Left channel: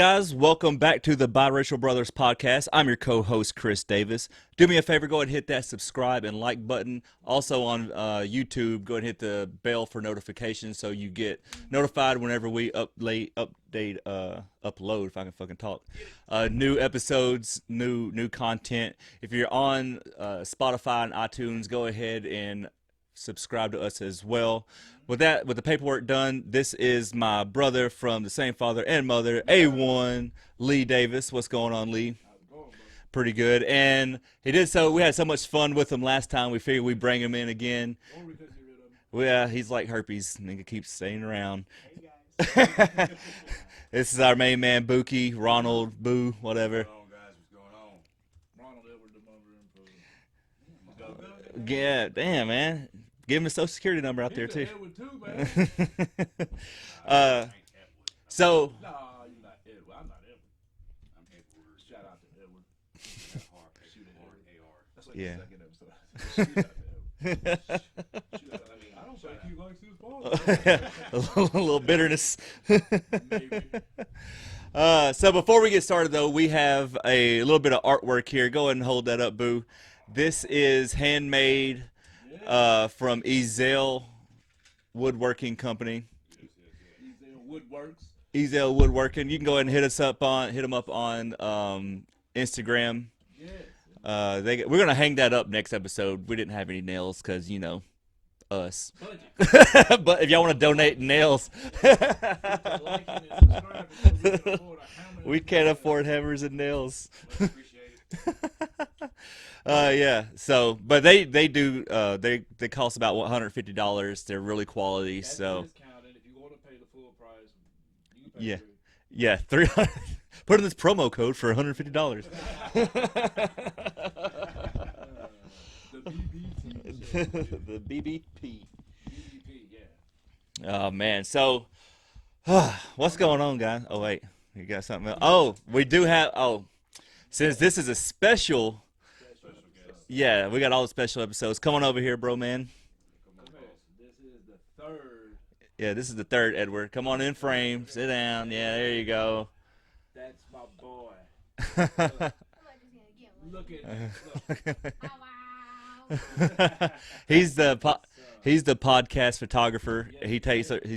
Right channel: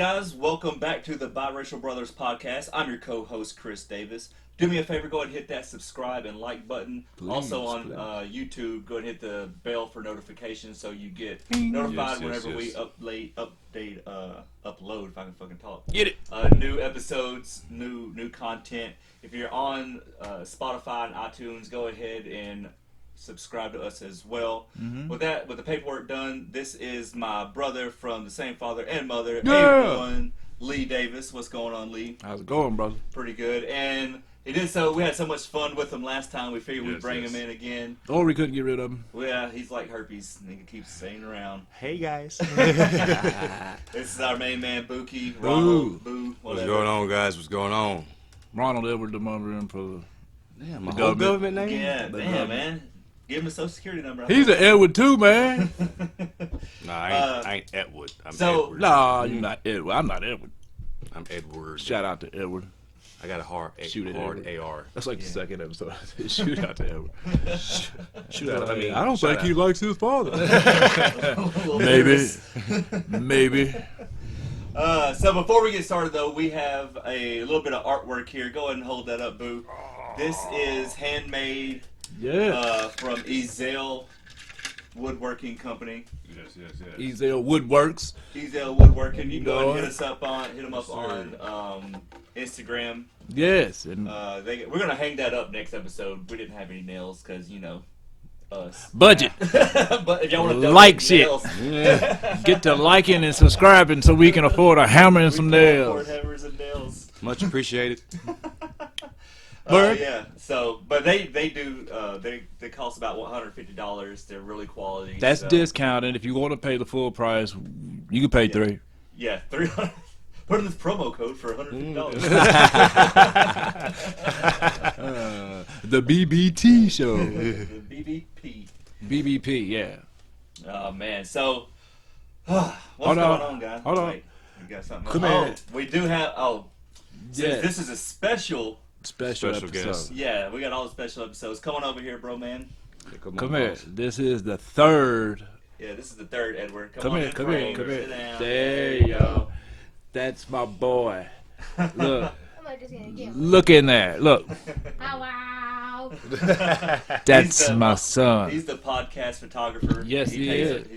guys, welcome back to the Biracial Brothers Podcast. I'm your co-host, Kris Davis. Do me a favor, go ahead and hit that subscribe and like button. Please, also on YouTube, go ahead and hit the bell for notifications so you get notified whenever we upload, if I can fucking talk. Get it. New episodes, new content. If you're on Spotify and iTunes, go ahead and subscribe to us as well. With the paperwork done, this is my brother from the same father and mother, A1 Lee Davis. What's going on, Lee? How's it going, brother? Pretty good. And we had so much fun with him last time. We figured we'd bring him in again. Or we couldn't get rid of him. Well, yeah, he's like herpes. Nigga keeps staying around. Hey guys. This is our main man, Buki, Ronald, Boo, whatever. What's going on, guys? What's going on? Ronald Edward, the mother in for The government name? Yeah, damn, man. Give him a social security number. He's an Edward too, man. Nah, I ain't Edward. I'm Edward. Nah, you're not Edward. I'm not Edward. I'm Edward. Shout out to Edward. I got a hard AR. That's like the second episode. Shoot out to Edward. Shoot out. I don't shout think he likes his father. a little Maybe. So before we get started, though, we have a little bit of artwork here. Go ahead and hold that up, Boo. This is handmade from Ezzell Woodworking Company. Yes. Ezzell Woodworks. Ezzell Woodworking. You can go ahead and hit them up on Instagram. Yes. And we're gonna hang that up next episode. We didn't have any nails because us. Budget. But if y'all want to donate like nails, get to liking and subscribing so we can afford a hammer and some we nails. can afford hammers and nails. Much appreciated. Yeah. So, but they do. They cost about $150. They're really quality. That's discounted. If you want to pay the full price, you can pay $3. Yeah, $300. Put in this promo code for $150. The BBT show. The BBP. BBP, yeah. Oh man. So, what's going on, guy? Hold on. Wait, you got something? Come else? here. We do have. Since this is a special episode. guest. Yeah, we got all the special episodes. Come on over here, bro, man. Come here. This is the third. Yeah, this is the third, Edward. Come on here, in come frame. here. Sit down. There you go. That's my boy. Look. Look in there. Look. Wow. That's my son. He's the podcast photographer. Yes, he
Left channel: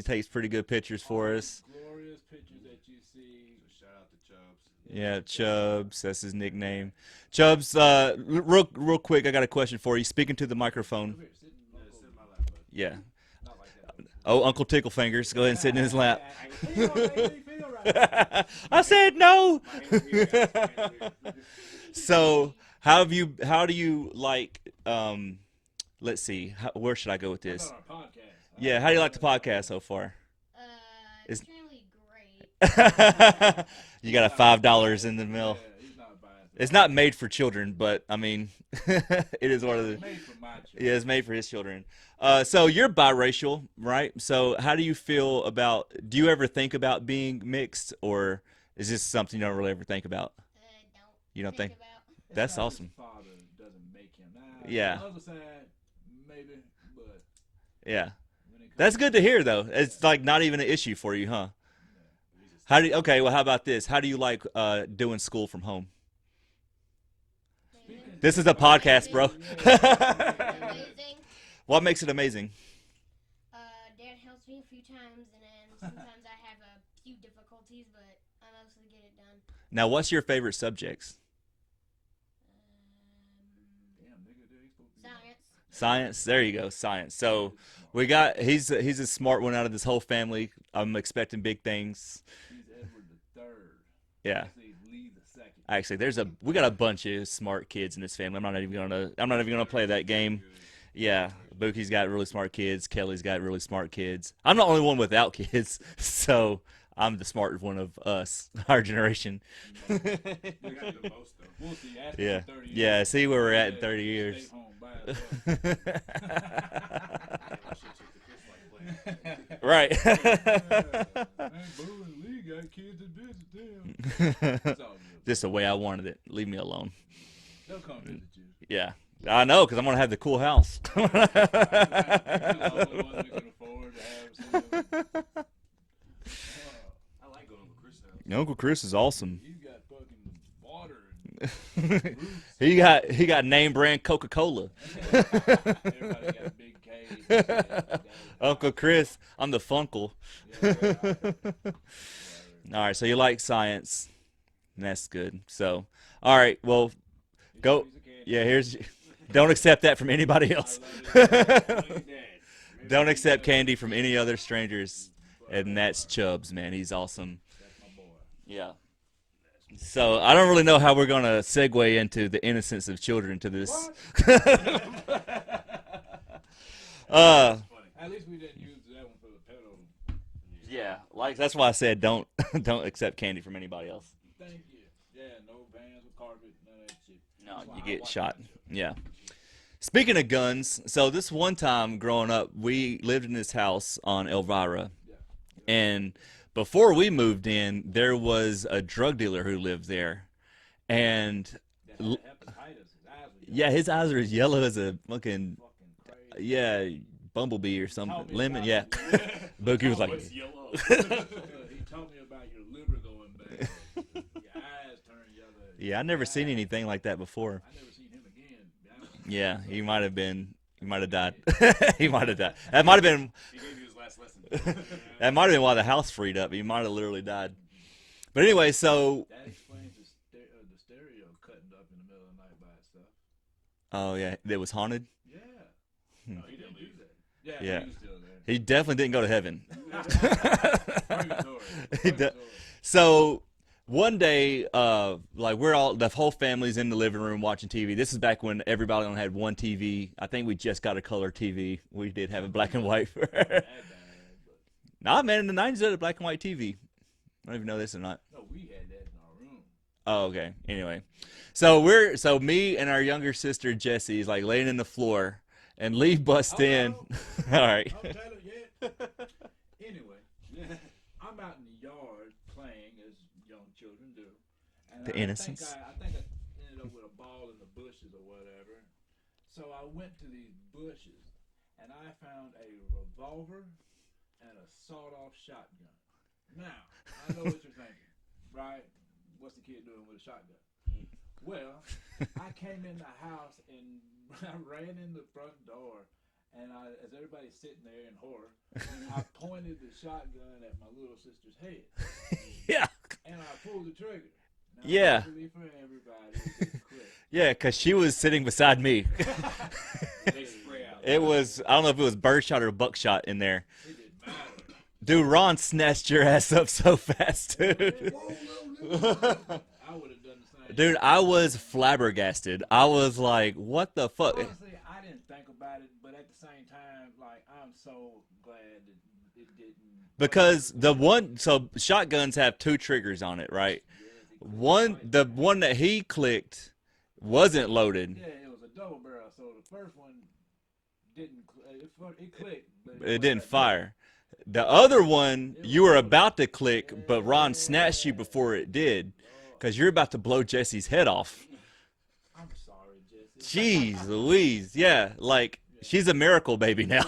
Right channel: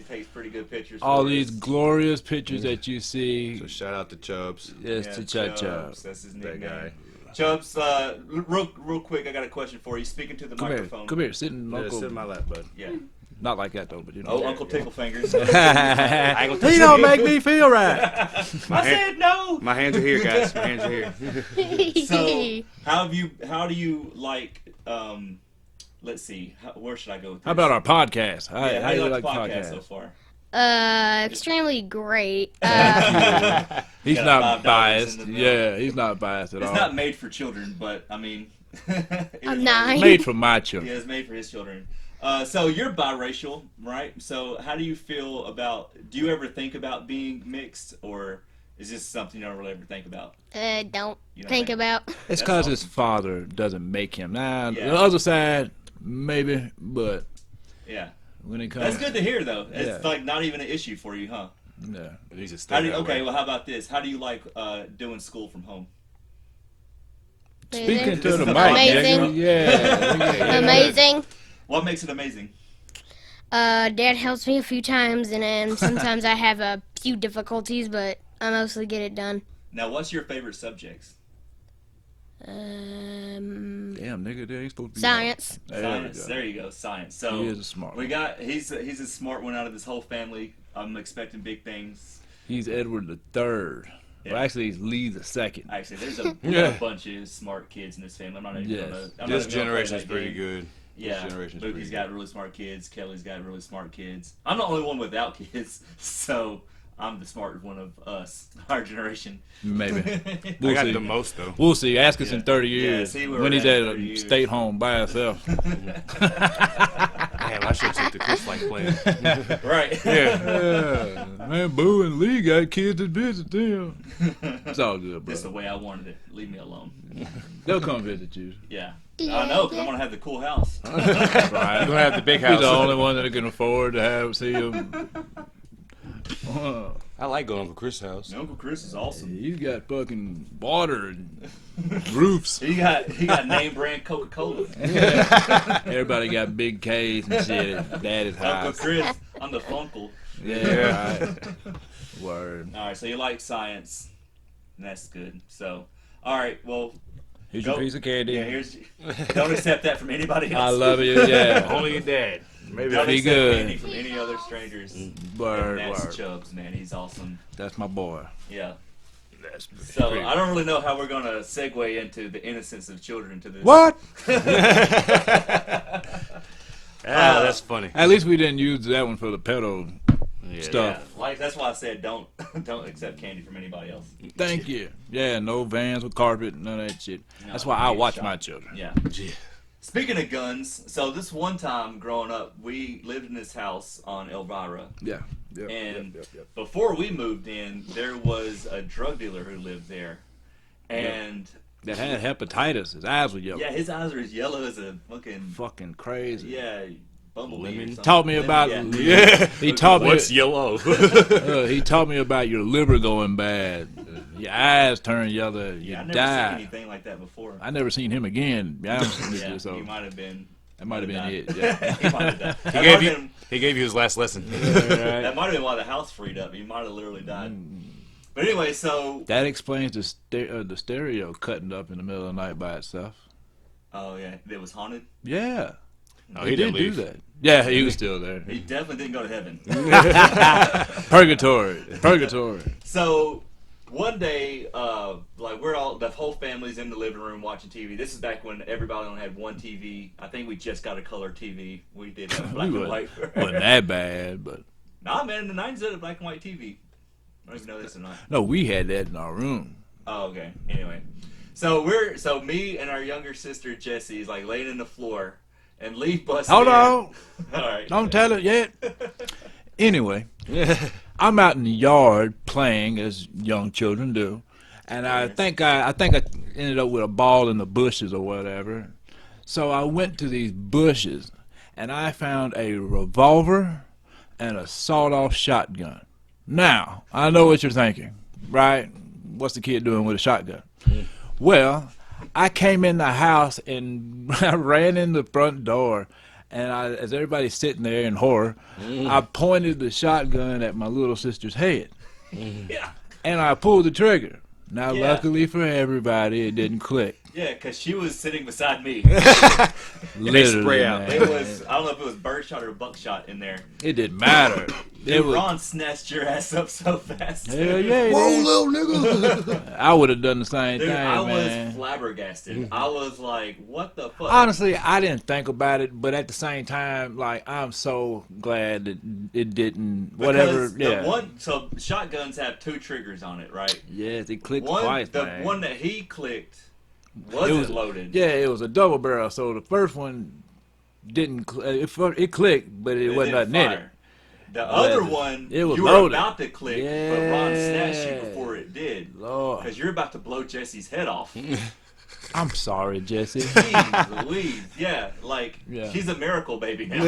takes pretty good pictures for all us. these glorious pictures that you see. So shout out to Chubbs. Yeah, to Chubbs. That's his nickname. Chubbs, real quick, I got a question for you. Speaking to the microphone. Come here. Sit in my lap, bud. Yeah. Not like that, though. But Uncle Tickle Fingers. He don't make me feel right. I said no. My hands are here, guys. My hands are here. So, how do you like, let's see, where should I go with this? How about our podcast? How do you like the podcast so far? Extremely great. He's got not $5 biased. in the mail. Yeah, he's not biased at all. It's not made for children, but, I mean, it is Nine. made for my children. Yeah, it's made for his children. So you're biracial, right? So how do you feel about? Do you ever think about being mixed, or is this something you don't really ever think about? Don't You don't think about. It's That's because awesome. his father doesn't make him. Now, Yeah. the other side, maybe, but Yeah, when it comes, that's good to hear, though. It's Yeah. like not even an issue for you, huh? Yeah. Well, how about this? How do you like doing school from home? Speaking This to is the a podcast, Amazing. bro. Yeah. Amazing. What makes it amazing? Dad helps me a few times, and then sometimes I have a few difficulties, but I mostly get it done. Now, what's your favorite subjects? Damn, nigga, there he's supposed to be Science. Science. There you go. Science. So He is a smart we got he's a smart one out of this whole family. I'm expecting big things. He's Edward the Third. Yeah. Well, actually, he's Lee the Second. Actually, we got a bunch of smart kids in this family. I'm not even gonna play that game. Good. Yeah, generation's Bookie's pretty got really smart kids. Kelly's got really smart kids. I'm the only one without kids, so I'm the smart one of us, our generation. Maybe. I We'll got see. the most though. We'll see. Ask us Yeah. in 30 years. Yeah, see where when we're he's at at in a 30 years. stay home by himself. Damn, I should took the Chris like plan. Right. Yeah. Man, Boo and Lee got kids that visit them. It's all good, bro. Just the way I wanted it. Leave me alone. They'll come visit you. Yeah. I know, because I'm going to have the cool house. Right. You don't have the big He's house. the only one that can afford to see him. I like going to Uncle Chris' house. Uncle Chris is awesome. You got fucking water and roofs. He got name brand Coca-Cola. Everybody got big K's and shit at Daddy's house. Uncle Chris, I'm the Funkle. Yeah, right. Word. All right, so you like science. That's good. So, all right, well, Here's go. your piece of candy. Yeah, don't accept that from anybody else. I love you. Yeah. Only your dad. Maybe Don't be accept good. candy from any other strangers. Word, And that's word. Chubbs, man. He's awesome. That's my boy. Yeah. That's So I don't really know how we're gonna segue into the innocence of children to this. What? that's funny. At least we didn't use that one for the pedo stuff. Yeah, like that's why I said don't accept candy from anybody else. Thank you. Yeah, no vans with carpet, none of that shit. That's No, why I get watch shot. my children. Yeah. Speaking of guns, so this one time growing up, we lived in this house on Elvira, Yeah. Yep, and yep. before we moved in, there was a drug dealer who lived there, and That had hepatitis. His eyes were yellow. yeah, his eyes are as yellow as a fucking Fucking crazy. bumblebee or He something. taught me Lemon, about yeah. He taught me. What's yellow? He taught me about your liver going bad. Your eyes turn yellow. Yeah, I you never die. seen anything like that before. I never seen him again. Yeah, so he might have been. that Might have been died. it. Yeah. He might have died. That might have been. He gave you his last lesson. That might have been why the house freed up. He might have literally died. But anyway, so That explains the stereo cutting up in the middle of the night by itself. oh yeah, it was haunted. Yeah. Oh, He he did didn't do leave. that. Yeah, he was still there. He definitely didn't go to heaven. Purgatory. Purgatory. So one day, like the whole family's in the living room watching TV. This is back when everybody only had one TV. I think we just got a color TV. We did have black and white. Wasn't that bad, but Nah, man, in the 90s they had a black and white TV. I don't even know this or not. no, we had that in our room. Oh, okay. Anyway, so me and our younger sister Jessie is like laying in the floor, and Lee busts Hold in. on. All right. Don't tell it yet. Anyway, I'm out in the yard playing as young children do, and I think I ended up with a ball in the bushes or whatever. So I went to these bushes, and I found a revolver and a sawed-off shotgun. Now I know what you're thinking, right? What's the kid doing with a shotgun? Well, I came in the house and I ran in the front door, and as everybody's sitting there in horror, I pointed the shotgun at my little sister's head, Yeah. and I pulled the trigger. Now, Yeah. luckily for everybody, it didn't click. Yeah, because she was sitting beside me. Literally, spray out. man. It was, I don't know if it was birdshot or buckshot in there. It didn't matter. Dude, Ron snatched your ass up so fast. Hell Dude, yeah, Whoa, man. little nigga. I would have done the same thing. I was man. flabbergasted. I was like, what the fuck? Honestly, I didn't think about it, but at the same time, like, I'm so glad that it didn't. Because whatever. so shotguns have two triggers on it, right? Yes, it clicked One, twice. the man. one that he clicked wasn't It was- loaded. Yeah, it was a double barrel. So the first one didn't. It clicked, but it wasn't didn't nothing in it. fire. The other one, It was you were loaded. about to click, but Ron snatched you Yeah. before it did. Lord, Because you're about to blow Jesse's head off. I'm sorry, Jesse. Jeez Louise. Yeah, like, Yeah. she's a miracle baby now.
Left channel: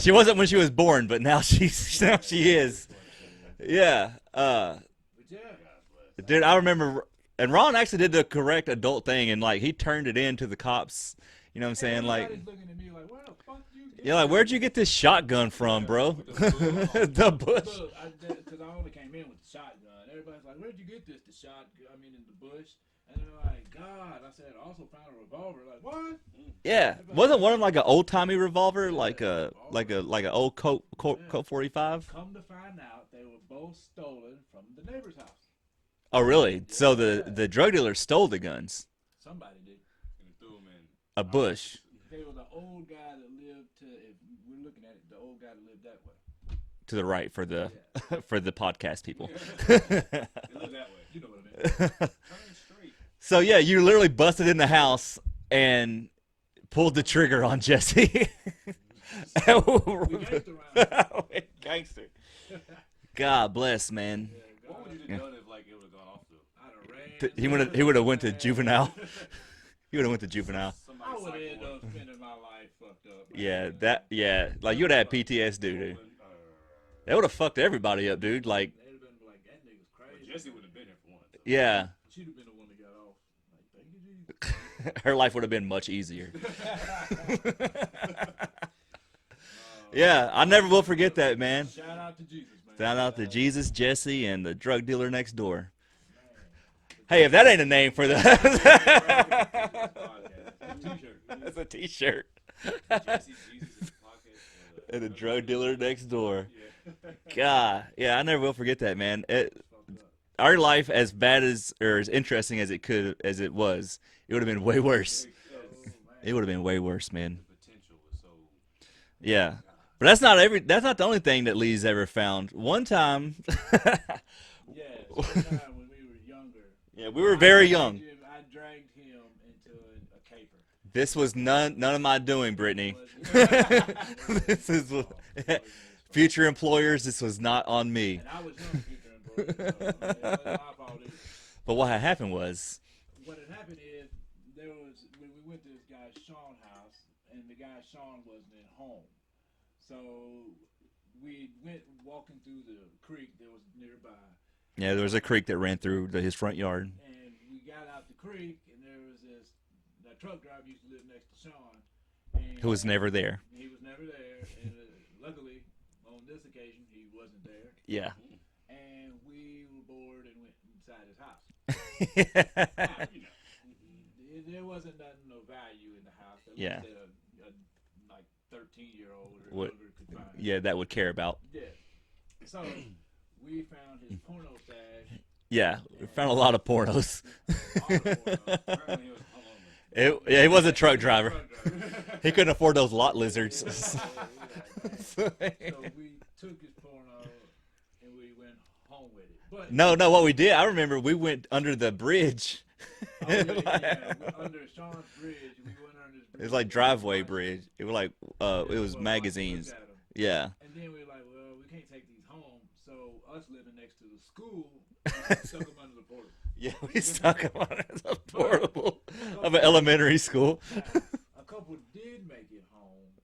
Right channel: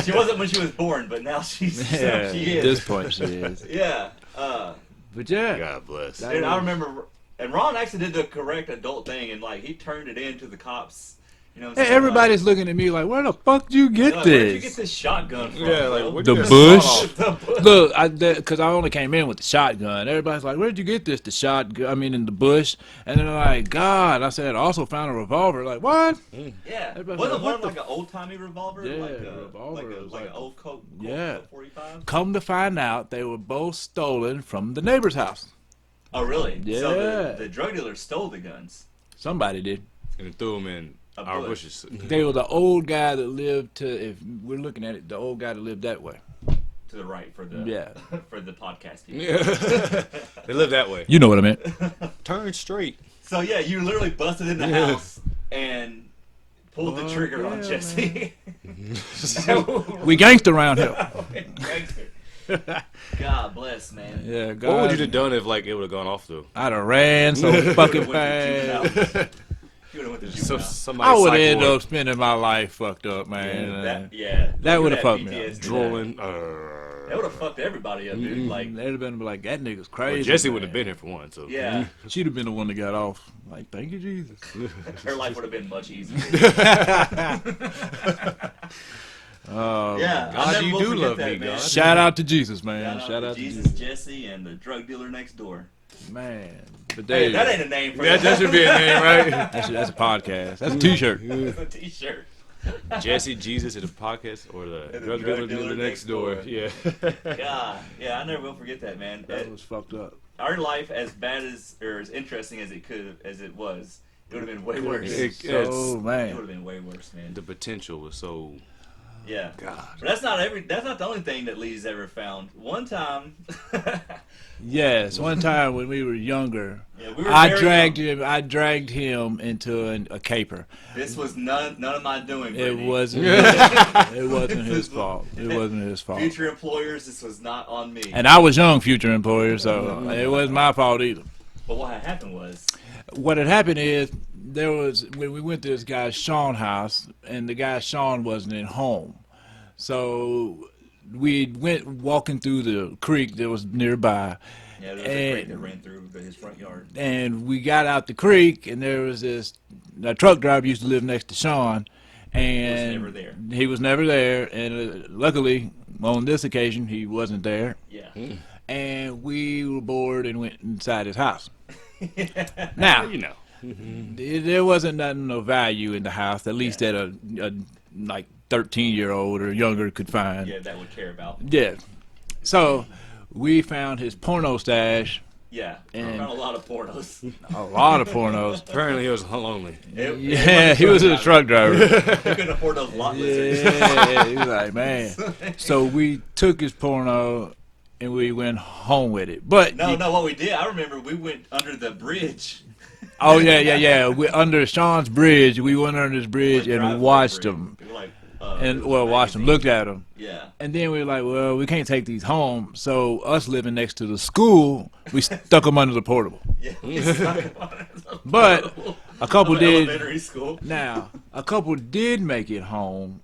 She wasn't when she was born, but now she is. At this point, she is. Yeah. But yeah, God bless. Dude, I remember, and Ron actually did the correct adult thing, and, like, he turned it in to the cops. You know what I'm hey, saying? everybody's looking at me like, "Where the fuck did you get like, this?" where'd you get this shotgun from, Yeah, bro? like, The where'd you bush? get this The bush. Look, because I only came in with the shotgun. Everybody's like, "Where'd you get this?" The shotgun. I mean, in the bush. And they're like, "God!" I said, "I also found a revolver." Like, what? Yeah, Everybody's wasn't like, one of them like an old timey revolver, Yeah, like a revolver. like an old Colt Yeah. 45? Come to find out, they were both stolen from the neighbor's house. Oh, really? So Yeah. the drug dealer stole the guns. Somebody did. And threw him in A our bush. bushes. They were the old guy that lived to. If we're looking at it, the old guy that lived that way. To the right for the Yeah. for the podcast people. They live that way. You know what I meant. Turn straight. So yeah, you literally busted in the house and pulled the trigger on Jesse. We gangster around here. God bless, man. Yeah, God. What would you have done if like it would have gone off though? I'd have ran so You would fucking have went to fast. juvenile. You would have went to So, juvenile. somebody I would have psych ended ward, up spending my life fucked up, man. That That would would've have fucked me up. PTSD. drooling. It would have fucked everybody up, dude. Like, they'd have been like, that nigga's crazy. Well, Jessie man. would have been here for one. So yeah, She'd have been the one that got off. Like, thank you, Jesus. her life would have been much easier. Yeah, I never you will do forget love that, me, man. God. Shout out to Jesus, man. Shout out to Jesus, Jesse, and the drug dealer next door. Man. But Hey, that ain't a name for that, that. that should be a name, right? that's a podcast. That's a T-shirt. That's a T-shirt. Jesse, Jesus, and the podcast, or the And the drug dealer next door. Yeah. God, yeah, I never will forget that, man. That was fucked up. Our life, as bad as or as interesting as it was, it would have been way worse. Oh man, It would have been way worse, man. The potential was so. Yeah, God. but that's not the only thing that Lee's ever found. One time, yes. One time when we were younger, yeah, we were I very dragged young. him. I dragged him into a caper. This was none of my doing, Brittany. It wasn't. It wasn't his fault. It wasn't his fault. Future employers, this was not on me. And I was young, future employer, so it wasn't my fault either. But what had happened was, What had happened is when we went to this guy Sean's house, and the guy Sean wasn't at home, so we went walking through the creek that was nearby. yeah, there was a creek that ran through his front yard. And we got out the creek, and there was a truck driver used to live next to Sean, and He was never there. He was never there, and luckily on this occasion he wasn't there. Yeah. And we were bored and went inside his house. Now, You know. there wasn't nothing of value in the house, at least that a like 13-year-old or younger could find. Yeah, that would care about. Yeah. So we found his porno stash, Yeah, And- found a lot of pornos. a lot of pornos. Apparently, he was lonely. Yeah, he was a truck driver. He couldn't afford those lot lizards. Yeah, he was like, man. So we took his porno and we went home with it. But No, what we did, I remember we went under the bridge. oh yeah. We under Sean's bridge. We went under his bridge and driveway watched bridge. him. We were like, And it was watched him, magazines. looked at him. Yeah. And then we were like, well, we can't take these home. So us living next to the school, we stuck them under the portable. Yeah, we stuck him on it. But a couple Of did. elementary school. Now, a couple did make it home.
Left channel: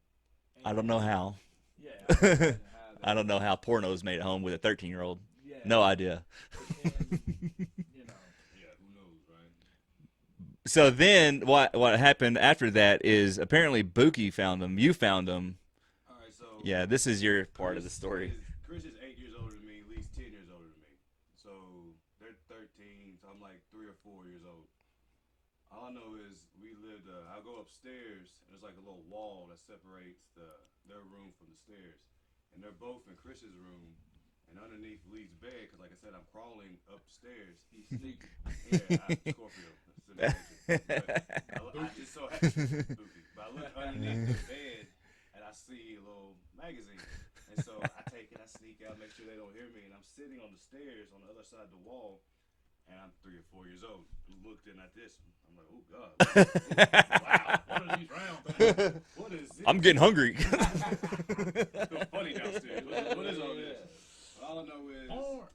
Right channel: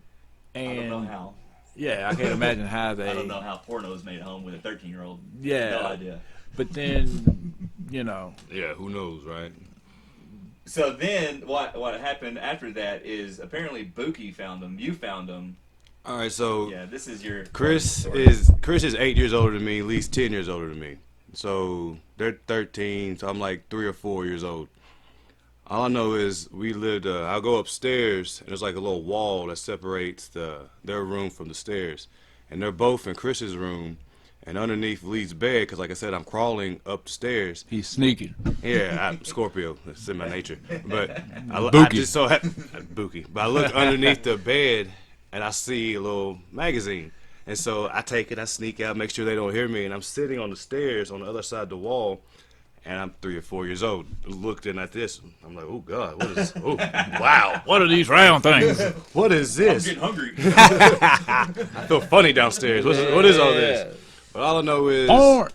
And I don't know how. Yeah, I can't imagine how they. I don't know how pornos made it home with a 13-year-old. Yeah. No idea. But then, Yeah, who knows, right? So then what happened after that is apparently Buki found them. You found them. All right, so Yeah, this is your Kris story. is 8 years older than me, at least 10 years older than me. So they're 13, so I'm like 3 or 4 years old. All I know is we lived. I'll go upstairs, and there's like a little wall that separates their room from the stairs, and they're both in Chris's room, and underneath Lee's bed, because like I said, I'm crawling upstairs. he's sneaking. Yeah, Scorpio. That's in my nature. But I Buki. just so Buki. But I look underneath the bed and I see a little magazine. And so I take it, I sneak out, make sure they don't hear me, and I'm sitting on the stairs on the other side of the wall, and I'm 3 or 4 years old, looking at this. I'm like, oh God, what is? Oh, wow, What are these round things? what is I'm this? getting hungry. I feel funny downstairs. What is all this? But all I know is Porn.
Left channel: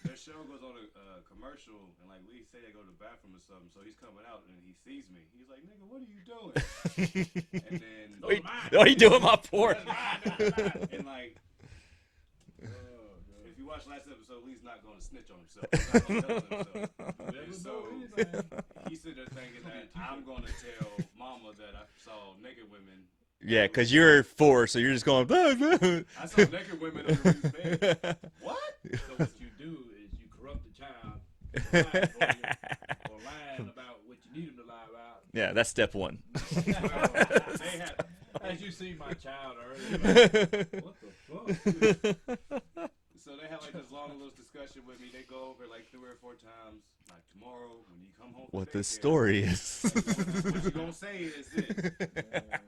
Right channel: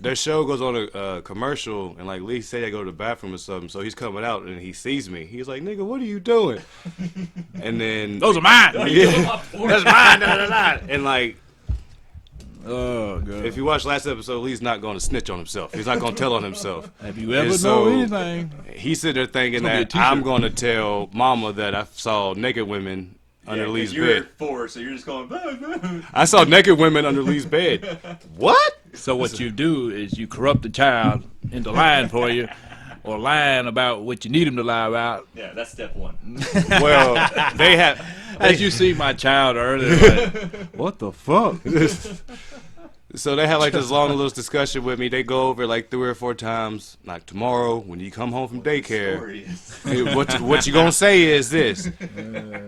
their show goes on a commercial, and like Lee said, I go to the bathroom or something. So he's coming out and he sees me. He's like, "Nigga, what are you doing?" And then Those are mine. Are you doing my porn? that's mine. Da, da, da. And like, Oh, God. if you watch last episode, Lee's not going to snitch on himself. He's not going to tell on himself. Have you ever And so- know anything? He's sitting there thinking gonna be a that t-shirt. I'm going to tell Mama that I saw naked women Yeah, under because Lee's you're bed. 4, so you're just going. I saw naked women under Lee's bed. What? So what you do is you corrupt the child into lying for you, or lying about what you need him to lie about. Yeah, that's step 1. Well, they have. As you see my child earlier, like, what the fuck? So they had like this long little discussion with me. They go over like 3 or 4 times. Like, tomorrow when you come home from The daycare, story is. hey, what you gonna say is this.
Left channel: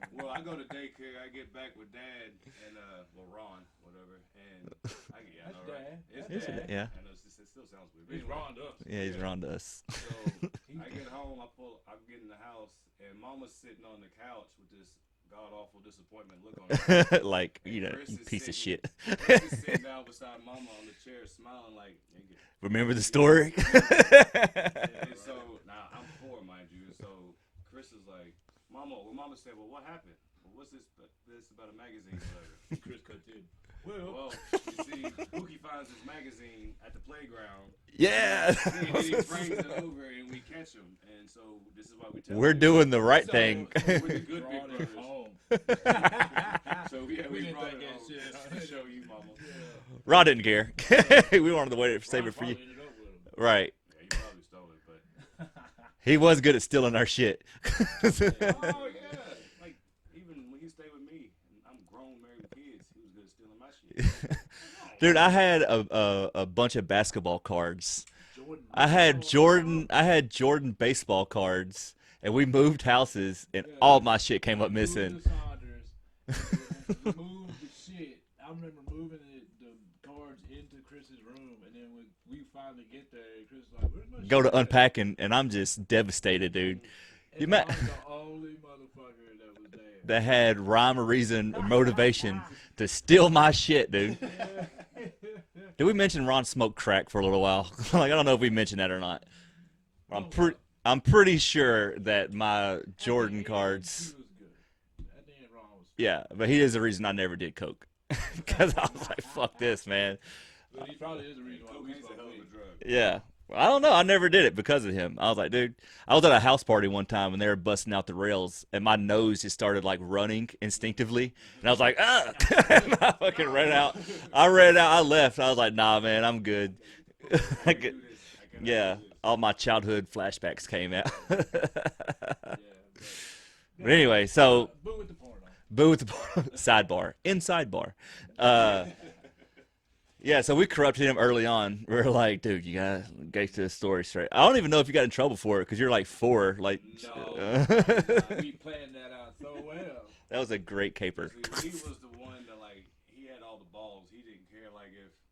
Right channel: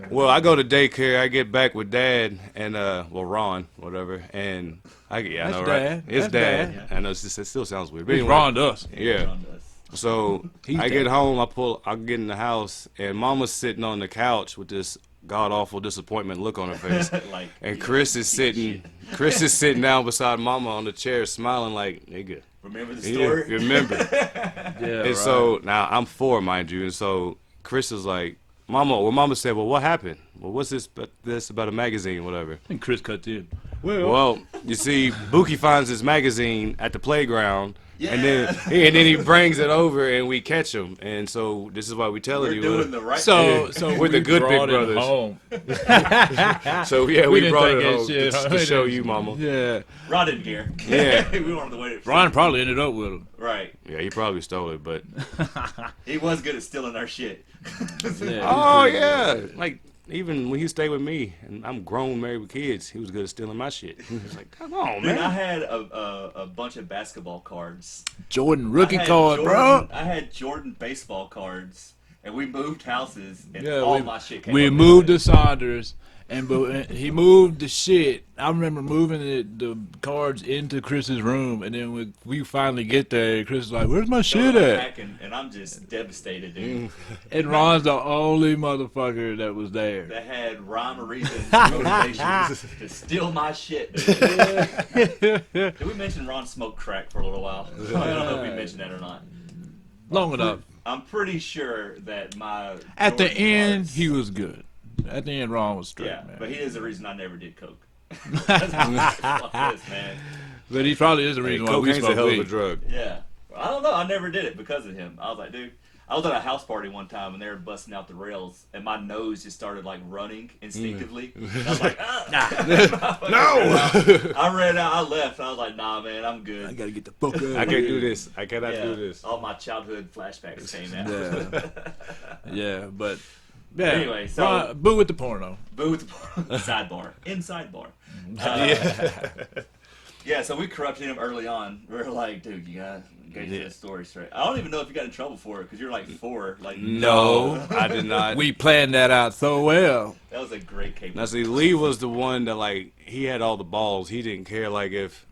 Well, I go to daycare. I get back with Dad and Ron, whatever, and I That's know, Dad. right? It's That's Dad. Dad. I know it still sounds weird. But He's anyway, wrong to us. Yeah. On us. so He's I Dad. get home. I get in the house, and Mama's sitting on the couch with this god awful disappointment look on her face. Like, And you know, Kris is piece of sitting. shit. Chris is sitting down beside Mama on the chair, smiling like, "Nigga, Remember the you story? remember?" Yeah, And right. so now I'm 4, mind you, and so Chris is like, "Mama," well, Mama said, "Well, what happened? Well, what's this about a magazine, whatever?" And Chris cut in. Well, you see, Buki finds his magazine at the playground. Yeah. And then he brings it over and we catch him. And so this is why we tell we're you. doing the right thing. So we're the good big brothers. Home. So yeah, we brought it home shit, to show you, mama. Yeah. Ron didn't care. Yeah. We wanted to wait. Ron probably ended up with him. Right. Yeah, he probably stole it, but he was good at stealing our shit. Oh yeah, like. Even when he stayed with me, and I'm grown, married with kids, he was good at stealing my shit. Like, come on, dude, man. I had a bunch of basketball cards. Jordan rookie card, bro. I had Jordan baseball cards, and we moved houses, and my shit came up. We moved to Saunders, and he moved the shit. I remember moving the cards into Chris's room, and then we finally get there, Chris is like, "Where's my shit at?" Unpacking, and I'm just devastated, dude. And Ron's the only motherfucker that was there. That had rhyme or reason or motivation to steal my shit, dude. Did we mention Ron smoked crack for a little while? I don't know if we mentioned that or not. Long enough. I'm pretty sure that my at Jordan the end cards, he was good. At the end, Ron was straight. Yeah, man. but he is the reason I never did coke. I'm like, fuck this, man. But he probably is the reason why we Cocaine's smoke a hell of a weed. drug. Yeah, I don't know. I never did it because of him. I was like, dude. I was at a house party one time and they were busting out the rails, and my nose just started like running instinctively. And I was like, no. I ran out. I left. I was like, nah, man, I'm good. I gotta get the fuck out. I can't do this. I cannot do this. All my childhood flashbacks came out. Yeah, but yeah. Anyway, so boo with the porno. Boo with the porno. Sidebar. In sidebar. Yeah, so we corrupted him early on. We were like, dude, you gotta get this story straight. I don't even know if you got in trouble for it because you're like 4. Like, no, I did not. We planned that out so well. That was a great caper. Now, see, Lee was the one that, like, he had all the balls. He didn't care, like, if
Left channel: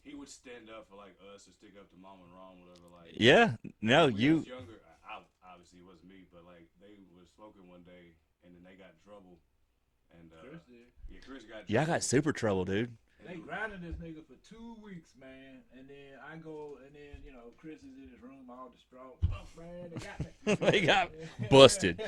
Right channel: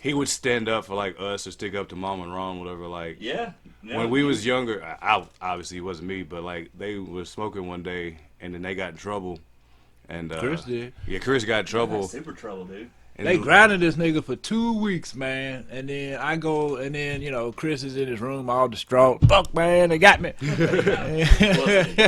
he would stand up for, like, us or stick up to Mom and Ron, whatever, like. Yeah. When we was younger, obviously it wasn't me, but, like, they were smoking one day, and then they got in trouble. And Chris did. Yeah, Chris got in trouble. Got super trouble, dude. And they grounded this nigga for 2 weeks, man. And then I go, and then, you know, Chris is in his room all distraught. Fuck, man, they got me. Busted.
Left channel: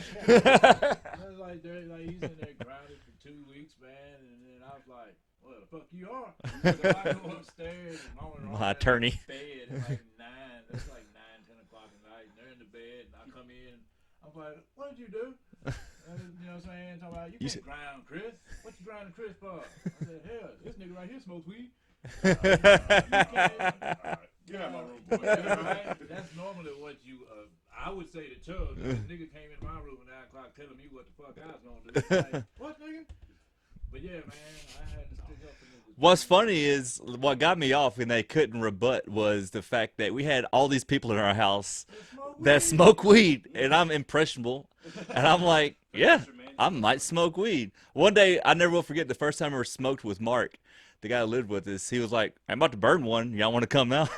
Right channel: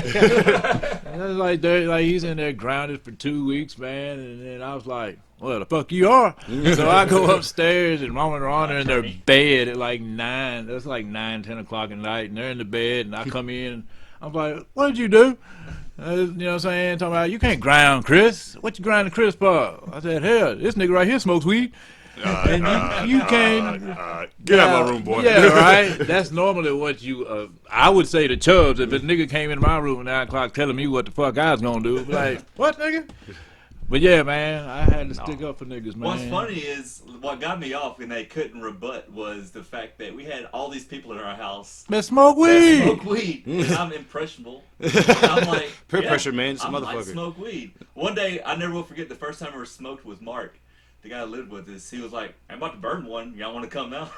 And like he's in there grounded for 2 weeks, man. And then I was like, well, the fuck you are. So I go upstairs, and Mom and Ron are in their bed at like 9. That's like 9, 10 o'clock at night. And they're in the bed, and I come in, and I'm like, what did you do? You know what I'm saying? Talking about, you can't ground Chris. What you grinding Chris for? I said, hell, this nigga right here smokes weed. And you can't. Get out of my room, boy. Yeah, right? That's normally what you, I would say to Chubbs, if a nigga came in my room at 9 o'clock telling me what the fuck I was going to do. Like, what, nigga? But yeah, man, I had to stick up for niggas, man. What's funny is what got me off and they couldn't rebut was the fact that we had all these people in our house that smoke weed. And I'm impressionable. And I'm like, peer pressure, man. I might smoke weed. One day, I never will forget the first time I ever smoked with Mark. The guy who lived with us, he was like, I'm about to burn one. Y'all want to come out?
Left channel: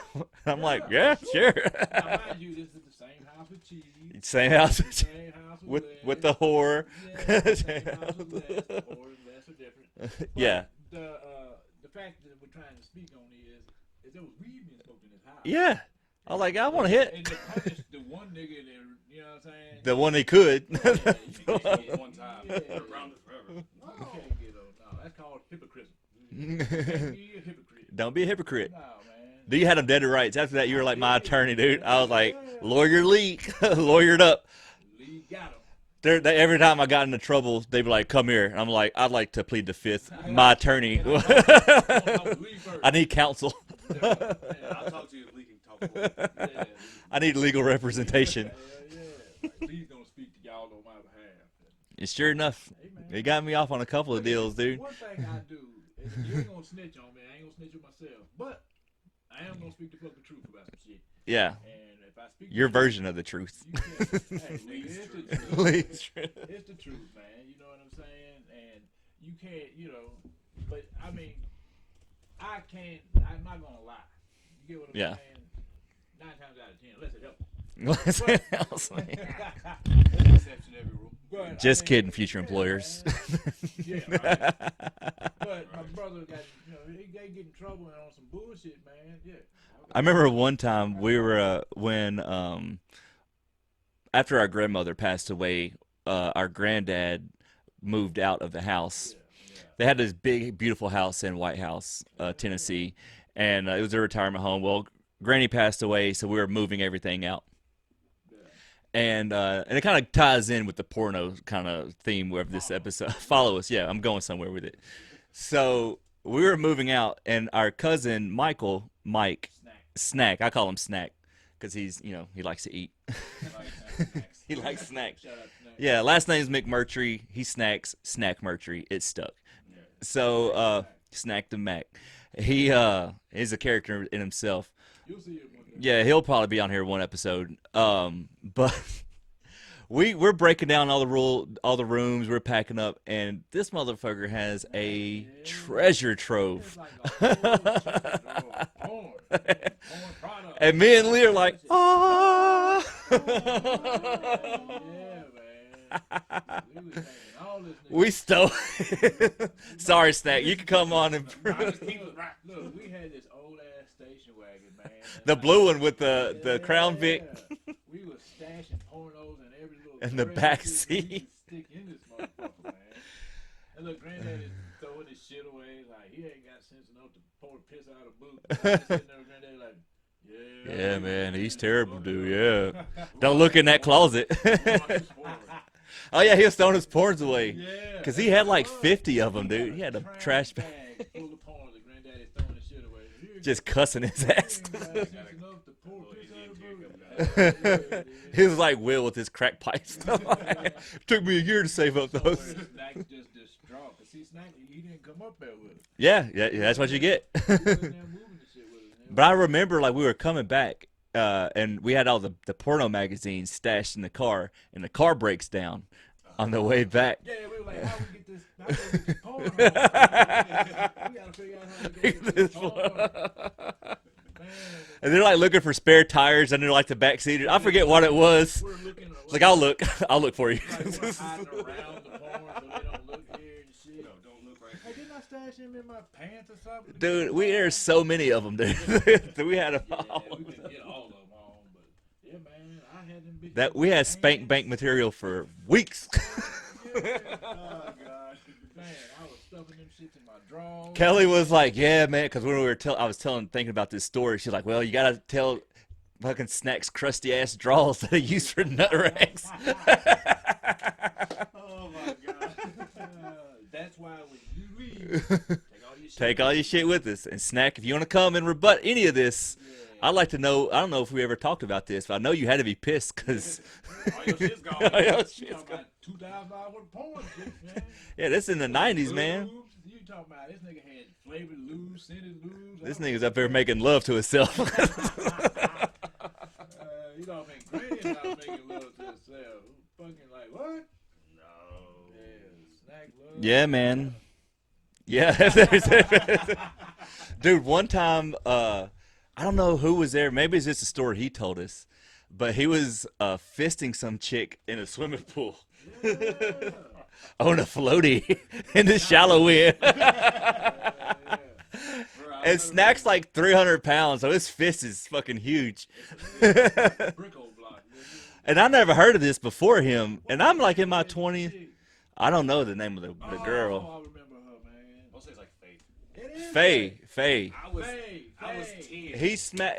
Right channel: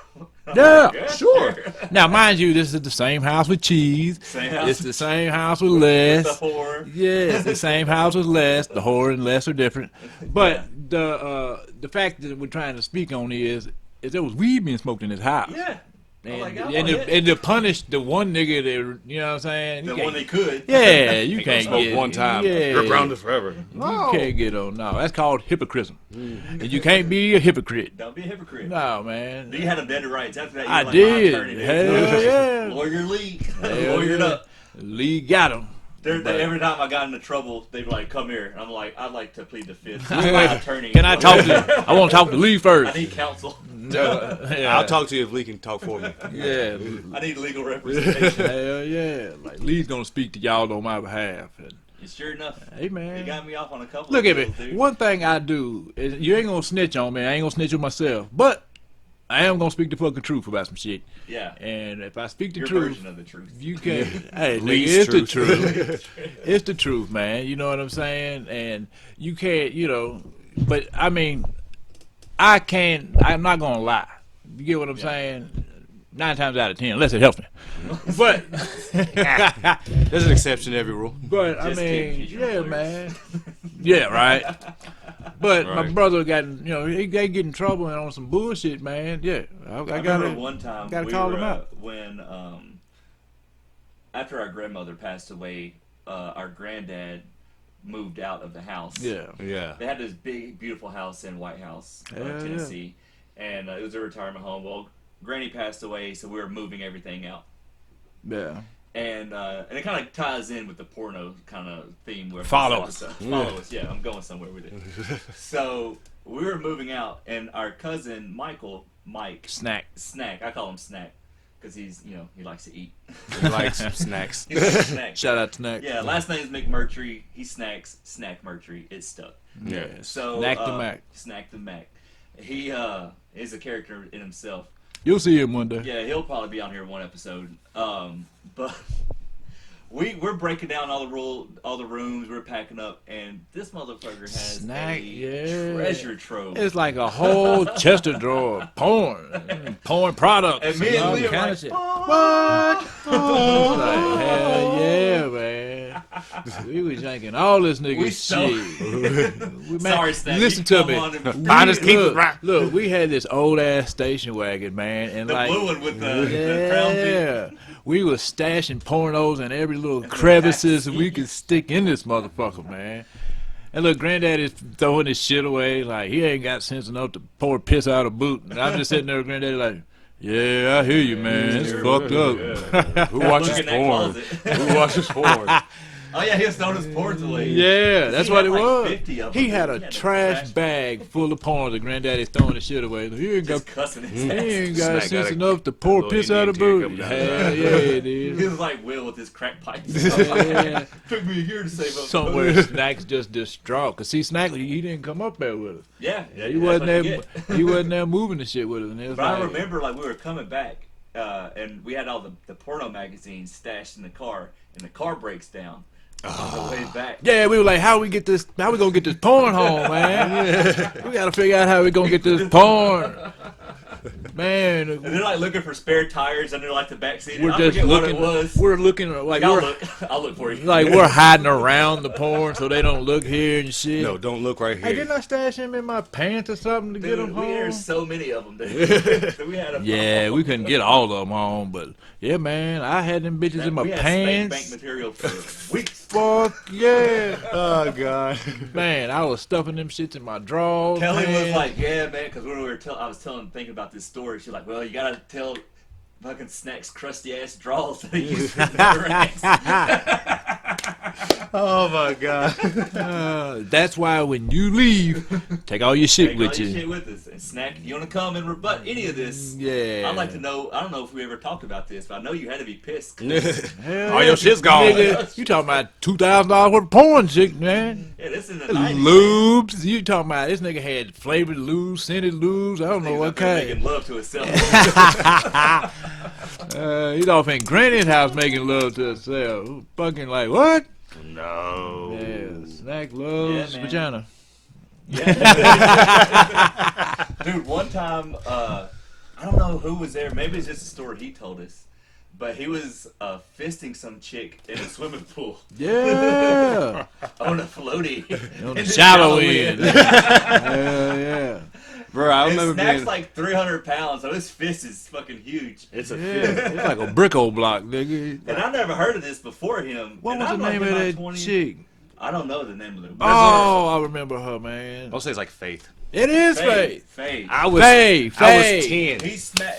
Yeah, sure. Now, mind you, this is the same house with Cheese. Same house. It's the same house with Les. With the whore. Yeah, it's the same house with Les. The whore and Les are different. But the fact that we're trying to speak on is there was weed being smoked in his house. Yeah. I'm like, I want to hit. And to punish the one nigga that, you know what I'm saying? The one they could. Yeah, you can't smoke get one time. Yeah. You're grounded forever. You can't get on. No, that's called hypocrism. And you can't be a hypocrite. Don't be a hypocrite. No, man. You had them dead to rights. After that, you were like did. my attorney, dude. I was like, lawyer Lee. Lawyered up. Lee got him. Every time I got into trouble, they'd be like, come here. And I'm like, I'd like to plead the fifth. I'm my attorney. Can I talk to I want to talk to Lee first. I need counsel. I'll talk to you if Lee can talk for me. Yeah. I need legal representation. Hell yeah. Like, Lee's going to speak to y'all on my behalf. And, Sure enough. hey, man. He got me off on a couple Look of at deals, me. dude. One thing I do is you ain't going to snitch on me. I ain't going to snitch on myself. But I am going to speak the fucking truth about some shit. Yeah. And if I speak the Your truth. version of the truth. You can't. Hey, nigga, Least it's the truth. truth. It's the truth, man. You know what I'm saying? And you can't, you know. But, I mean, I'm not going to lie. You get what I'm saying? 9 times out of 10, unless it helps me. But There's an exception to every rule. But Just I mean, kidding, future employers. man. Yeah, right. But my Right. brother got, you know, he get in trouble and on some bullshit, man. Yeah, I remember gotta- one time gotta we call him were out. when after our grandmother passed away, our granddad moved out of the house. Yeah. They had this big, beautiful house in White House, Tennessee, and it was their retirement home. Well, Granny passed away, so we were moving everything out. Yeah. And it kind of ties in with the porno kind of theme. Where Follow us. Yeah, I'm going somewhere with it. So we were moving out, and our cousin Mike, Snack. I call him Snack because he's, he likes to eat. He likes snacks. He likes snacks. Shout out to Snack. Yeah, last name's McMurtry. He snacks Snack Murtry. It's stuck. Yeah. So Snack the Mac. He is a character in himself. You'll see him one day. Yeah, he'll probably be on here one episode. But we're breaking down all the rooms. We're packing up, and this motherfucker has treasure trove. It's like a whole chest of drawer of porn products. And me and Lee are like, like, hell yeah, man. We was drinking all this nigga shit. Sorry, Snack. Listen to me. Look, we had this old ass station wagon, man, and the blue one with the crown bit. We was stashing pornos in every little crevices we could stick in this motherfucker, man. And look, Granddaddy's throwing his shit away like he ain't got sense enough to pour piss out a boot. And I'm just sitting there with Granddaddy like, yeah, I hear you, man. It's fucked up. Yeah. Who look in that closet? Who watches porn? Oh yeah, he was throwing his porns away. Yeah, that's what it was. 50 of them. He had a trash bag full of porn that Granddaddy's throwing his shit away. He ain't just cussing his ass. He ain't got sense enough to pour piss out of boot. Hell yeah, dude. He was like Will with his crack pipes. Yeah. Took me a year to save up. Somewhere Snack's just distraught. Cause see, Snack, he didn't come up there with us. Yeah, that's what you get. He wasn't there moving the shit with us. But I remember we were coming back, and we had all the porno magazines stashed in the car, and the car breaks down. On the way back. Yeah, we were like, how we gonna get this porn home, man? We gotta figure out how we gonna get this porn. Man. And they're like looking for spare tires under like the back seat. I forget what it was. We're looking like I'll look for you. Like we're hiding around the porn so they don't look here and shit. No, don't look right here. Hey, didn't I stash him in my pants or something to get him home? There's so many of them, dude. We had we couldn't get all of them home, but yeah, man, I had them bitches in my pants. We had spank bank material for weeks. Fuck yeah. Oh, God. Man, I was stuffing them shits in my drawers. Kelly was like, yeah, man, because when I was thinking about this story, she's like, well, you got to tell fucking Snack's crusty ass drawers that he used for Netflix. Oh, my God. That's why when you leave, take all your shit with you. Take all your shit with us. And Snack, if you want to come and rebut any of this, I'd like to know, I don't know if we ever talked about this, but I know you had to be pissed. All your shit's gone. Nigga, you talking about $2,000 worth of porn shit, man. Yeah, this in the 90s, lubes. Man. You talking about this nigga had flavored lubes, scented lubes. I don't know what kind. Making love to himself. He's off in Granny's house making love to herself. Fucking like, what? No. Yeah, Snack loves vagina. Yeah. Dude, one time, I don't know who was there. Maybe it's just a story he told us. But he was fisting some chick in a swimming pool. Yeah. On a floaty. In the shallow end. Yeah. Bro, I remember Snack's like 300 pounds, so his fist is fucking huge. It's it's like a bricko block, nigga. And I never heard of this before him. What and was I'm the like name in of my that 20s. chick? I don't know the name of the Oh, I remember her, man. I'll say it's like Faith. It is Faith. Faith. I was 10.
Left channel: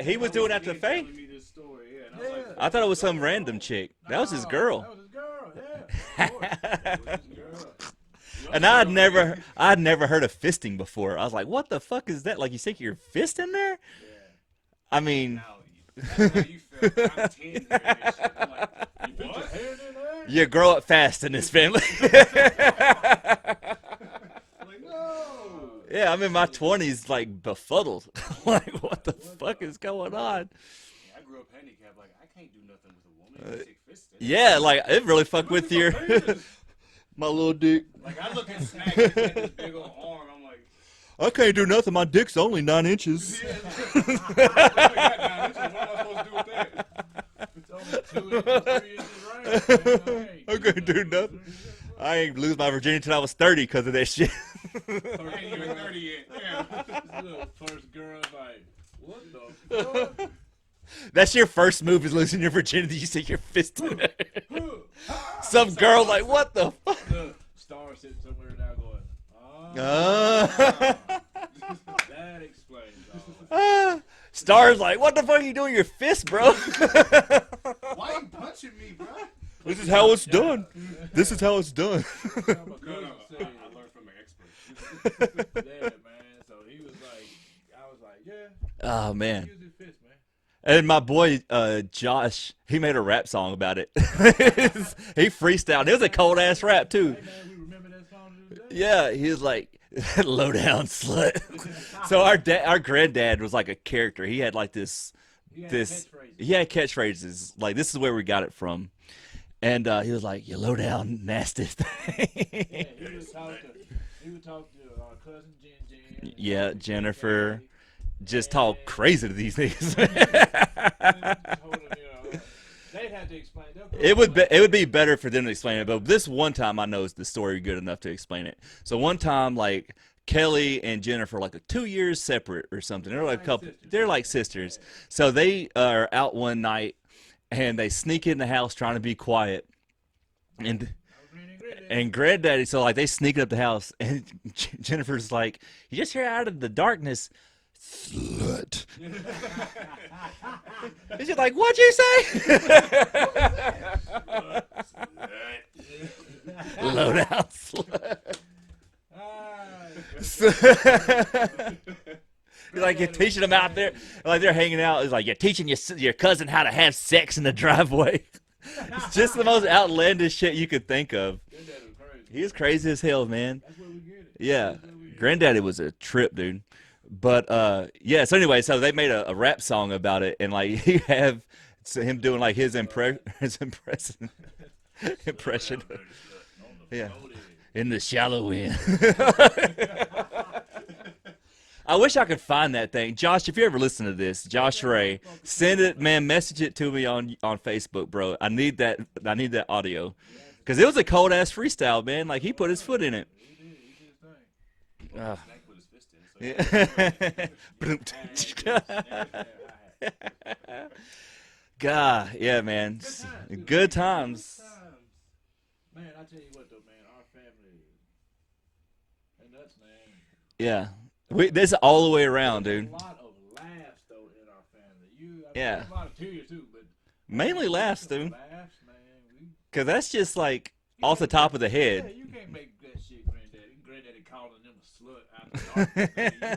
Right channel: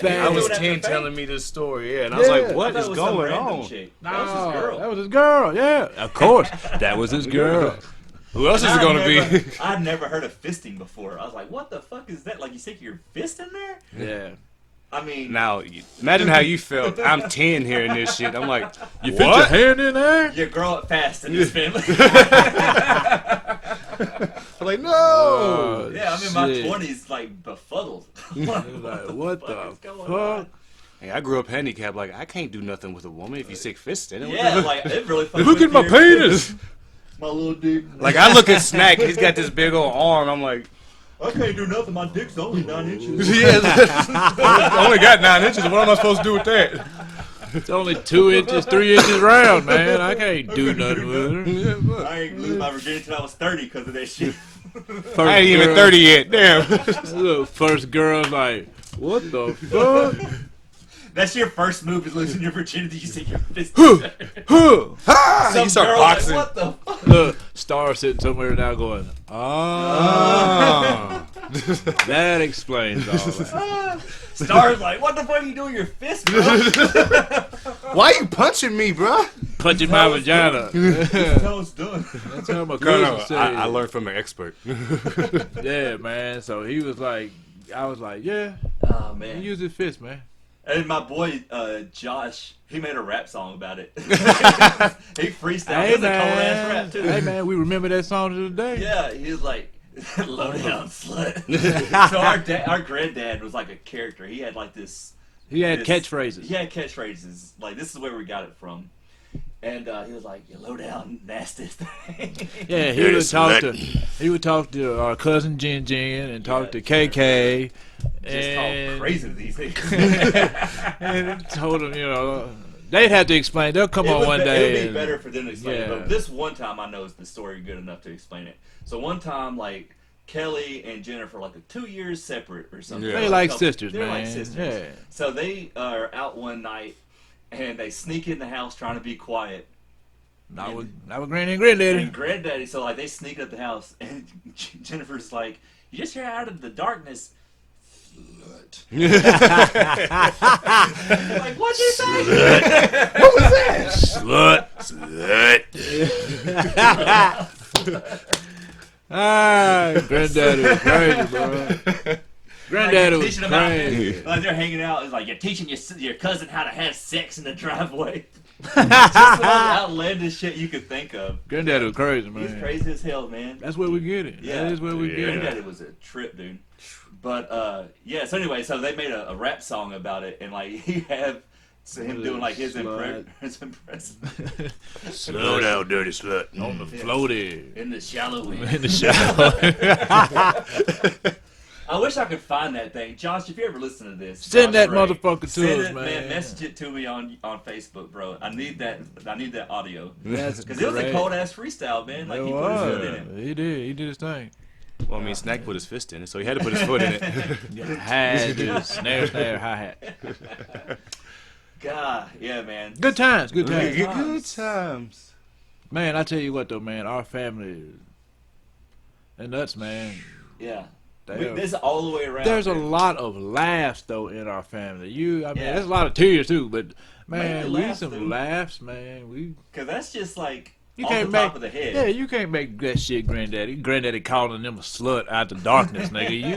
I was 10 telling me this story, and I was like, what I thought is it was some going random on? chick. That was his girl. That was his girl, yeah. Of course. That was his girl. Who else is it going to be? I'd never heard of fisting before. I was like, what the fuck is that? Like, you stick your fist in there? Yeah. I mean, now, imagine how you felt. I'm 10 hearing this shit. I'm like, you fit your hand in there? You grow up fast in this family. I'm like, no. Yeah, I'm in my 20s, like, befuddled. Like, what the fuck is going on? Hey, I grew up handicapped. Like, I can't do nothing with a woman if you stick fists in it. Yeah, like, it really fucks Look with at my penis. My little dick. Like, I look at Snack. He's got this big old arm. I'm like, I can't do nothing. My dick's only 9 inches. I only got 9 inches. What am I supposed to do with that? It's only 2 inches, 3 inches round, man. I can't do nothing with it. I ain't lose my virginity until I was 30 because of that shit. I ain't even 30 yet. Damn. Look, first girl like, what the fuck? That's your first move is losing your virginity. You say your fist. Some You start girl like, boxing. what the fuck? Look, Star sitting somewhere now going, that explains all that. Star's like, what the fuck are you doing with your fist, bro? Why you punching me, bro? Punching my vagina. This is how it's done. That's how my No, cousin said. I learned from an expert. Yeah, man. So he was like, I was like, yeah, Oh, he man. used his fist, man. And my boy, Josh, he made a rap song about it. He freestyled. It was a cold-ass rap, too. Hey, man, we remember that song to the day. Yeah, he was like, low down slut. So our granddad was like a character. He had like this. He had this- catchphrases. He had catchphrases. Like, this is where we got it from. And he was like, you low down nasty thing. Yeah, he would talk to our cousin Jen and Yeah, talk to Jennifer. KK. Just and- talk crazy to these niggas. And told them, you know, they'd have to explain. They'll come It on would, one be, day. it would be and- better for them to explain it, Yeah. but this one time I know is the story good enough to explain it. So one time, like, Kelly and Jennifer, like 2 years separate or something. Yeah. They're like sisters, They're man. like sisters. Yeah. So they are out one night, and they sneak in the house trying to be quiet. I was Granny and Granddaddy. And Granddaddy, so like they sneak up the house, and Jennifer's like, "You just hear out of the darkness, slut." You're like, "What'd you say?" What was that? Slut. Granddaddy was crazy, bro. Like Granddaddy you're was teaching them out there, crazy. like they're hanging out. It's like you're teaching your cousin how to have sex in the driveway. Just the most outlandish shit you could think of. Granddaddy was crazy, man. He's crazy as hell, man. That's where we get it. Yeah. That is where we get Granddaddy was a trip, dude. But yeah, so anyway, so they made a rap song about it, and like you have him doing like his impression Slow down, dirty slut. it. On the floaty. in the shallow end. In the shower. I wish I could find that thing, Josh. If you ever listen to this, Send Josh that Ray, motherfucker to send us, it, man. Message it to me on Facebook, bro. I need that audio That's because it was a great. cold ass freestyle, man. Like he put his foot in it. He did his thing. Well, I mean, Snack put his fist in it, so he had to put his foot in it. Had snare, hi-hat. God, yeah, man. Good times, good Good times. times. Man, I tell you what though, man, our family, they're nuts, man. Yeah, Damn. this all the way around. There's a dude. lot of laughs though in our family. I mean, Yeah. there's a lot of tears too, but man, Mainly laughs, some dude. laughs, man. Cause that's just like You off the can't top make- of the head. Yeah, you can't make that shit, Granddaddy calling them a slut out the darkness, nigga. You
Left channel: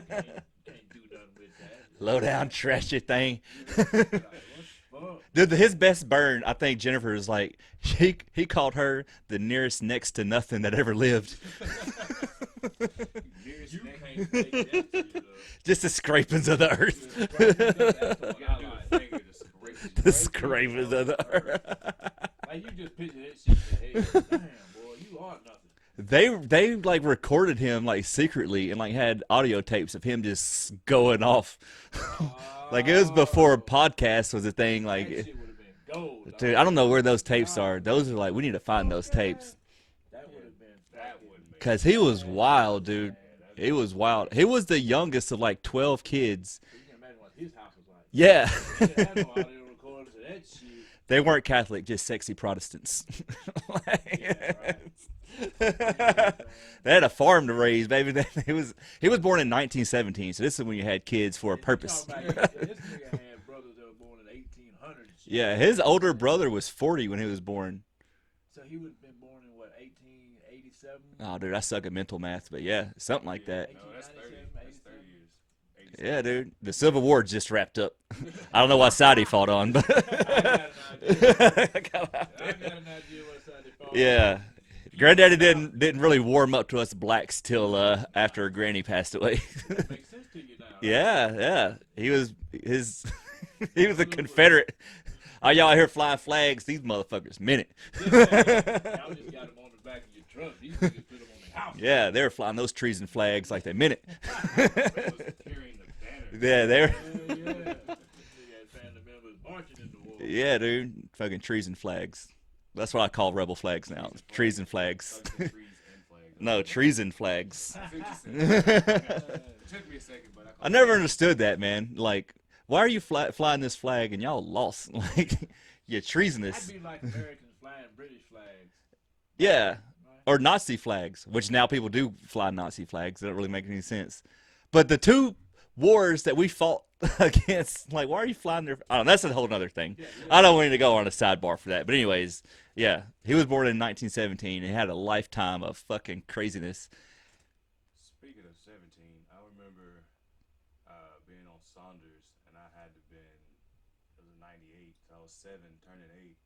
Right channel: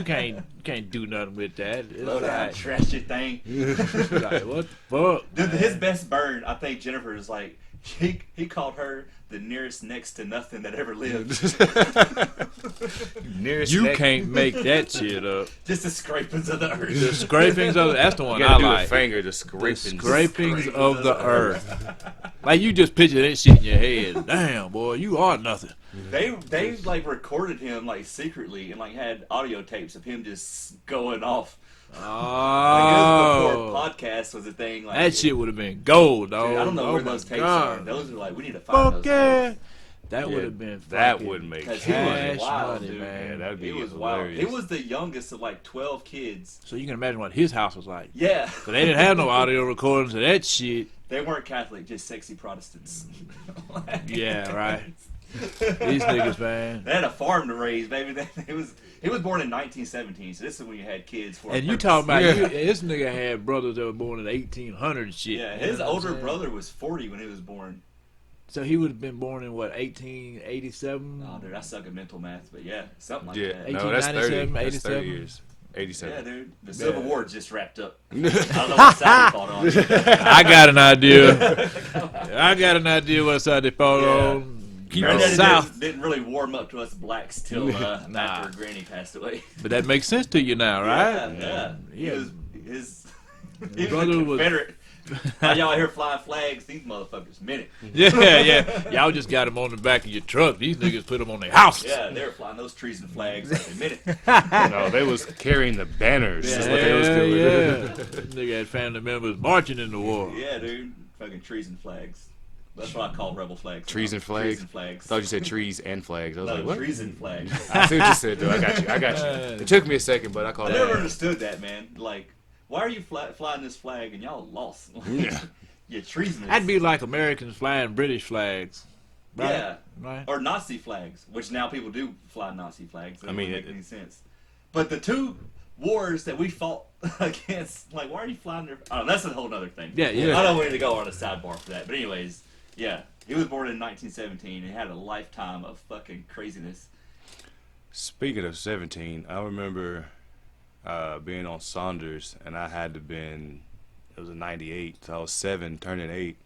can't do nothing with that. It's Low down, like- trashy thing. like, what the fuck? Dude, his best burn, I think Jennifer is like, he called her the nearest next to nothing that ever lived. Nearest You neck. can't make that shit up. Just the scrapings of the The earth. scrapings of that's the You one I gotta do like. a finger, the The scraping. scrapings of the earth. Like you just picture that shit in your head. Damn, boy, you are nothing. They like recorded him like secretly and like had audio tapes of him just going off. Like it was before podcast was a thing. Like That shit would have been gold, dog. dude, I don't know Oh where my those tapes God. are. Those are like we need to find Fuck those yeah. tapes. That Yeah, would have been that fucking would make Because he was cash wild, money, dude. man. Yeah, that'd be He was wild. hilarious. He was the youngest of like 12 kids. So you can imagine what his house was like. Yeah. But they didn't have no audio recordings of that shit. They weren't Catholic, just sexy Protestants. Yeah, right. These niggas, man. They had a farm to raise, baby. He was born in 1917, so this is when you had kids for a And you purpose. talking about Yeah. this nigga had brothers that were born in 1800 and shit. Yeah, You his know what I'm older saying? brother was 40 when he was born. So he would have been born in what, 1887? Oh, dude, I suck at mental math, but yeah, something like Yeah, that. no, that's 30. 1897, That's 30 87. years. 87. Yeah, dude. The Civil War just wrapped up. I don't know what side he fought on. I got an idea. I got an idea what side they fought Yeah. on. Keep Granddaddy it south. didn't really warm up to us blacks till after Granny passed away. But that makes sense to you now, right? Yeah. He was he was a Brother was- Confederate. While y'all here flying flags, these motherfuckers meant it. Yeah. Y'all just got them on the back of your truck. These niggas put them on their house. Yeah, they were flying those trees and flags like they meant it. No, they was carrying the banners. Yeah, That's what they was doing. Yeah. Nigga had family members marching in the war. Yeah, dude. Fucking trees and flags. That's what I call rebel flags. now. Trees and flags? Trees and flags. I thought you said trees and flags. I was No, like, what? trees and flags. I see what you said, though. I got you. It took me a second, but I called I it. never understood that, man. Like, why are you flying this flag and y'all lost? Like, you're treasonous. That'd be like Americans flying British flags. Right? Yeah. Right. Or Nazi flags, which now people do fly Nazi flags. That doesn't make any sense. But the two wars that we fought against, like, why are you flying there? Oh, that's a whole other thing. Yeah, yeah. I don't want to go on a sidebar for that. But anyways, yeah. He was born in 1917 and had a lifetime of fucking craziness. Speaking of 17, I remember being on Saunders, and I had to been, it was a 98, so I was 7, turning 8.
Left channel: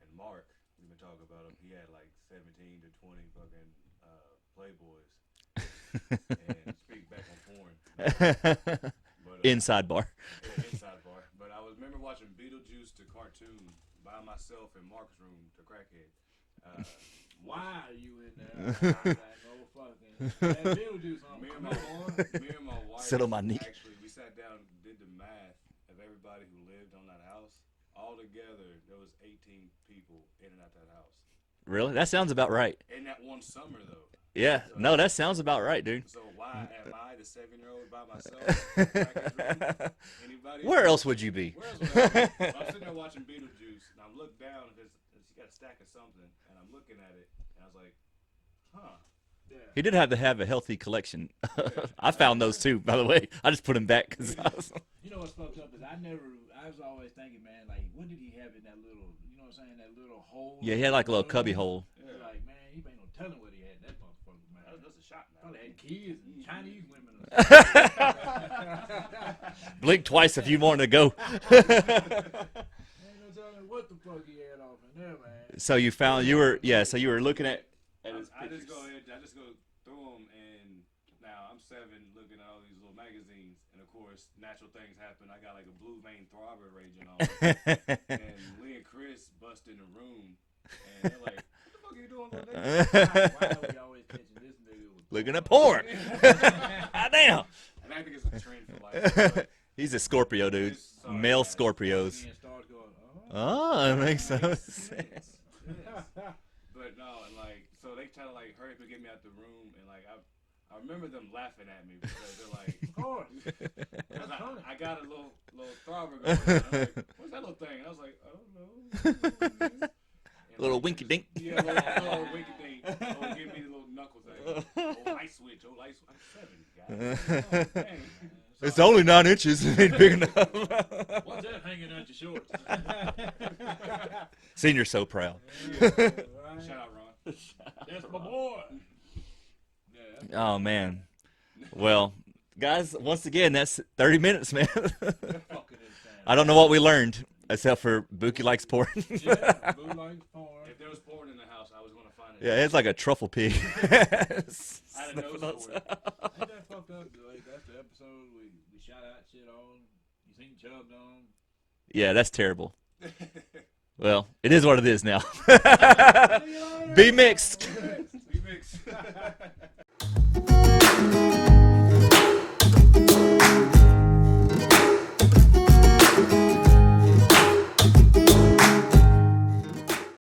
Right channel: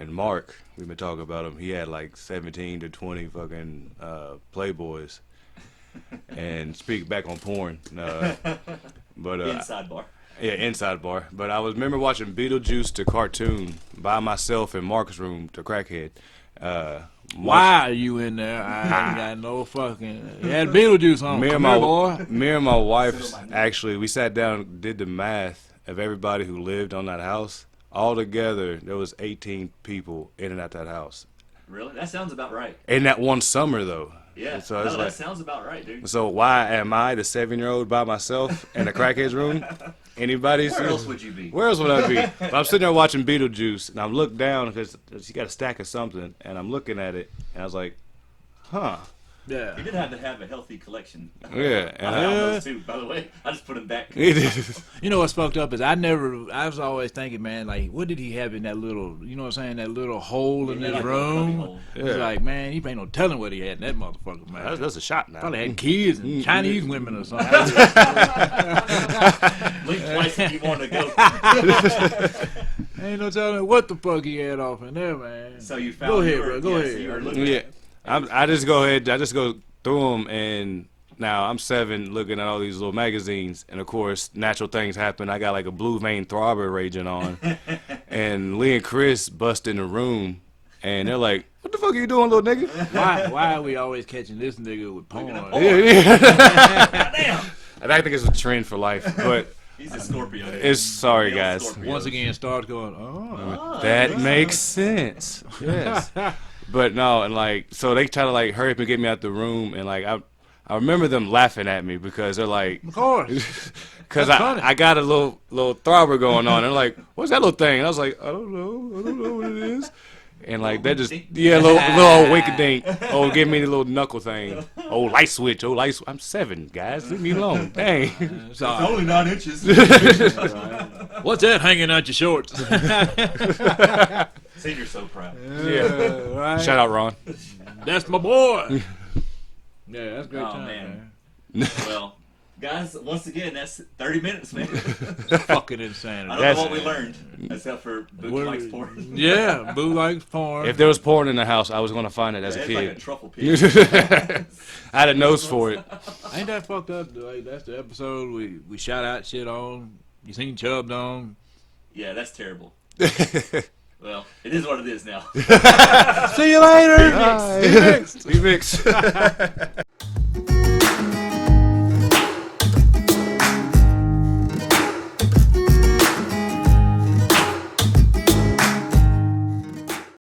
And Mark, we've been talking about him, he had like 17 to 20 fucking Playboys. And speak back on porn. But Inside bar. Yeah, inside bar. But I remember watching Beetlejuice the cartoon by myself in Mark's room, the crackhead. Why are you in there? I ain't got no fucking. You had Beetlejuice on. Me and my wife Sit on my knee. actually, we sat down and did the math of everybody who lived on that house. All together, there was 18 people in and out that house. Really? That sounds about right. In that one summer, though. Yeah. So No, it's that like- sounds about right, dude. So why am I the 7-year-old by myself in a crackhead's room? Anybody? Where else would you be? Where else would I be? But I'm sitting there watching Beetlejuice, and I'm looking down because she got a stack of something, and I'm looking at it, and I was like, huh. Yeah. He did have to have a healthy collection. Yeah. I found those too, by the way. I just put them back. You know what's fucked up is I was always thinking, man, like, what did he have in that little, you know what I'm saying, that little hole Yeah, in he had his like a room? little cubby hole. It's like, man, he ain't no telling what he had in that motherfucker, man. That's a shot now. Probably had kids and Chinese women or something. Blink twice if you want to go. Ain't no telling what the fuck he had off in there, man. So you found Go you ahead, were bro, go yeah. ahead. So you were looking Yeah. at. I just go through them, and now I'm 7 looking at all these little magazines, and of course natural things happen. I got like a blue vein throbber raging on, and Lee and Kris bust in the room, and they're like, what the fuck are you doing, little nigga? Why are we always catching this nigga with porn? Looking at porn. Damn. And I think it's a trend for life, but He's a Scorpio, dude. it's sorry Male guys. Scorpios. Once again, start going, oh. That makes sense. Yes. But no, and like, so they try to like hurry up and get me out the room, and like I remember them laughing at me because they're like, Of course. because That's funny. I got a little throbber going on. They're like, what's that little thing? And I was like, I don't know what it is. And like that just wink-dink. little old wink dink. Oh, give me the little knuckle thing. Oh, light switch. Oh, light. I'm 7, guys. Leave me alone. Dang. It's only 9 inches. What's that hanging out your shorts? Senior's so proud. Yeah. Right? Shout out, Ron. That's my boy. Yeah, that's good. Oh, time, man. Well, guys, once again, that's 30 minutes, man. Fucking insane. I don't know what we learned, except for Bookie likes porn. Yeah, Boo likes porn. If there was porn in the house, I was gonna find it as a It's kid. like a truffle pig. I had a nose for it. Ain't that fucked up? Like, that's the episode we shout out shit on. You seen Chubbed on. Yeah, that's terrible. Well, it is what it is now. See you later. Be mixed. Be mixed.